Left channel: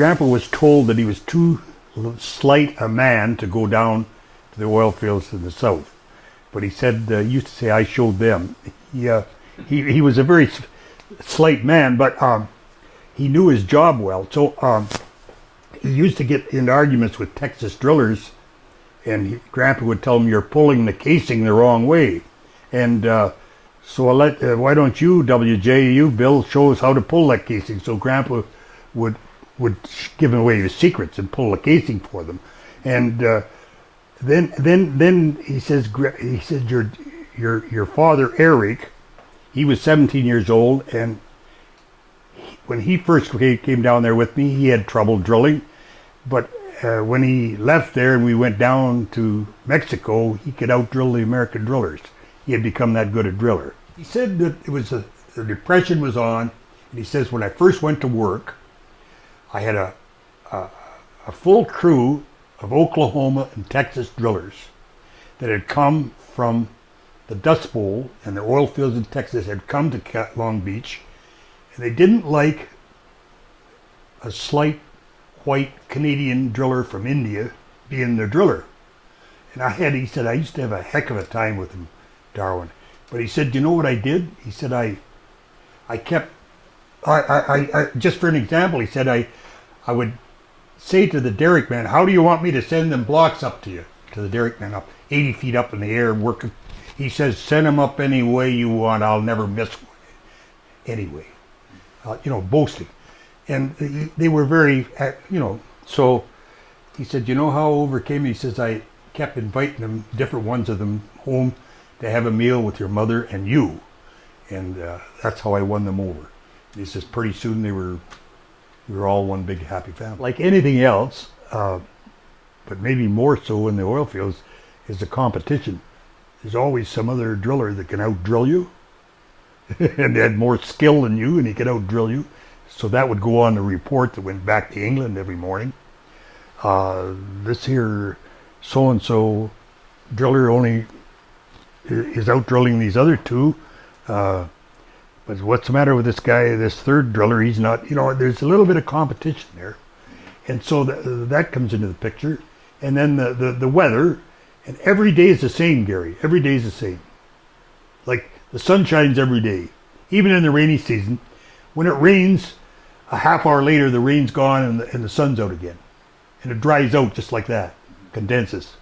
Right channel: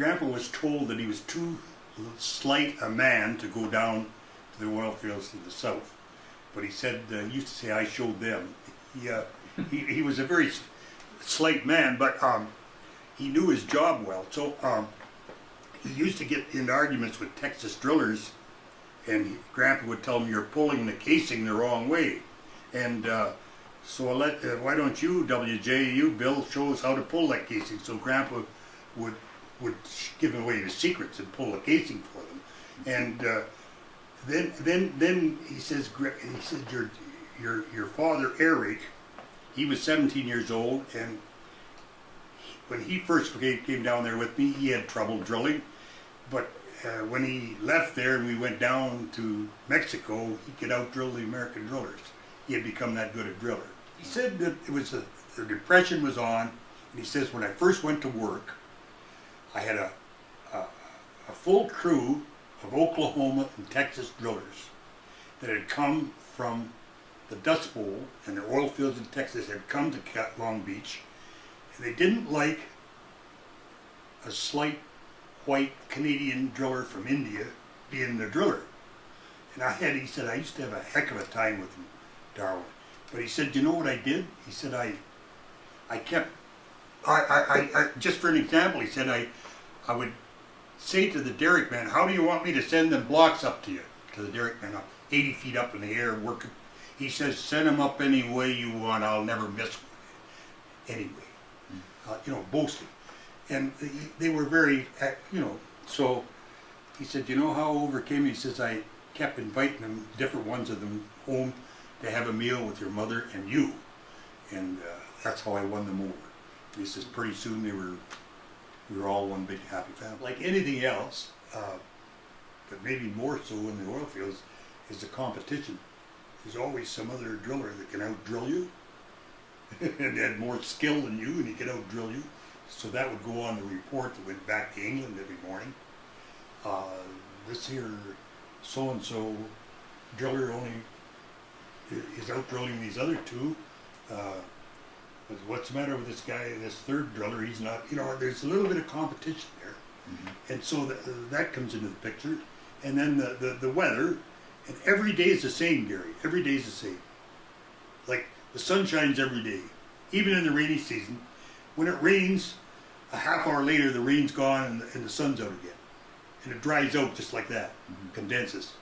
Grandpa was told that he was too slight a man to go down to the oil fields in the south. But he said, he used to say, I showed them. He was a very slight man, but he knew his job well. So he used to get in arguments with Texas drillers, and Grandpa would tell him, you're pulling the casing the wrong way. And so why don't you, WJU, Bill, show us how to pull that casing? So Grandpa would give away his secrets and pull the casing for them. And then he says your father Eric, he was 17 years old, and when he first came down there with me, he had trouble drilling, but when he left there and we went down to Mexico, he could out-drill the American drillers. He had become that good a driller. He said that it was the Depression was on, and he says, when I first went to work, I had a full crew of Oklahoma and Texas drillers that had come from the Dust Bowl and the oil fields in Texas, had come to Long Beach, and they didn't like a slight white Canadian driller from India being the driller. And he said, I used to have a heck of a time with him, Darwin. But he said, you know what I did? He said, I kept, just for an example, he said, I would say to the derrick man, how do you want me to send them blocks up to you? To the derrick man, up 80 feet up in the air, working. He says, send them up any way you want, I'll never miss one. Anyway, boasting. And they were very, so he said, you know how I overcame it? He says, I kept inviting them, different ones of them, home to have a meal with your mother and you. And that's how I won them over. He says, pretty soon we were all one big happy family. Like anything else, but maybe more so in the oil fields, is the competition. There's always some other driller that can out-drill you and had more skill than you, and he could out-drill you. So that would go on the report that went back to England every morning. This here so-and-so driller only is out-drilling these other two. But what's the matter with this guy, this third driller? He's not, there's a little bit of competition there. And so that comes into the picture. And then the weather, and every day is the same, Gary. Every day is the same. Like the sun shines every day, even in the rainy season. When it rains, a half hour later, the rain's gone and the sun's out again. And it dries out just like that, condenses.